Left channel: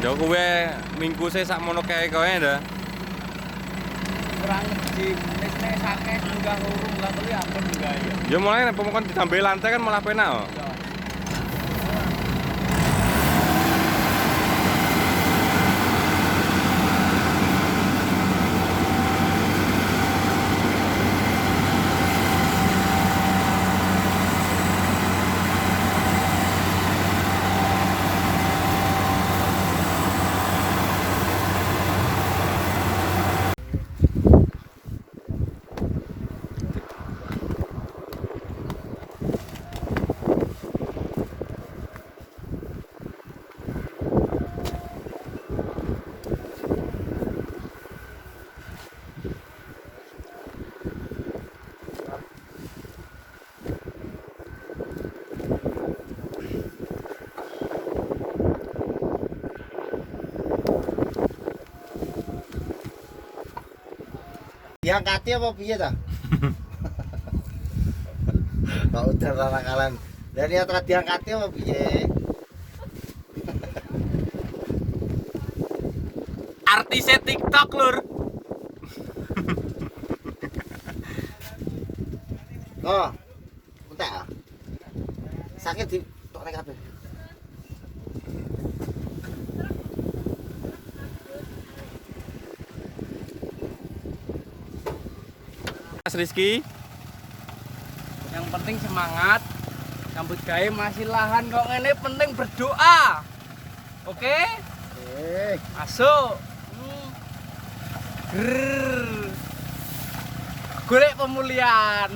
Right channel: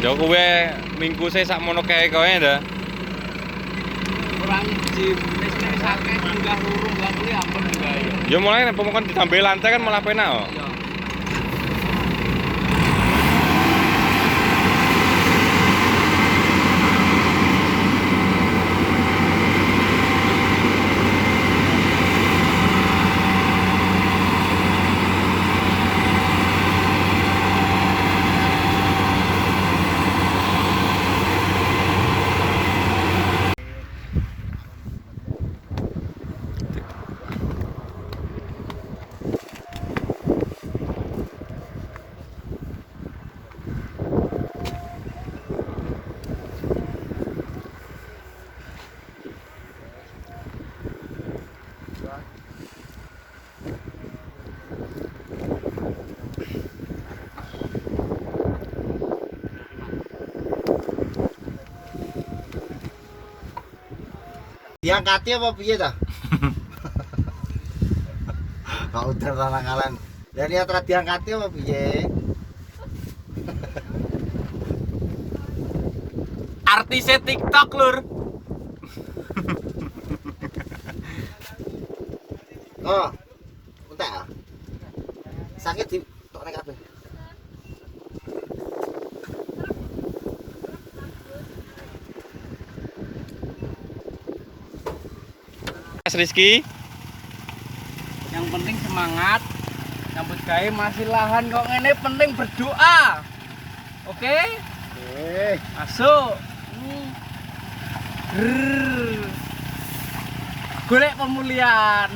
Ya kowe mingkuse sakmono kae kowe ndak. Kurang jim, wis sakake munggah loro lah kuwi ampun wae. Ya mulai nek pemokon ditambe lantai kan malah penak kok. Iya. Diangkati apa piye ta? Kok udah nakalan. Ya lihat ora diangkati apa piye? Artisnya TikTok, Lur. Oh. Entek ah. Sakit di tok nek kabeh. Mas Rizky, Yang penting semangat. Nyambut gawe masih lahan kok ngene penting berdoa. Oke? Masuk. Grrr. Golek pemulihan.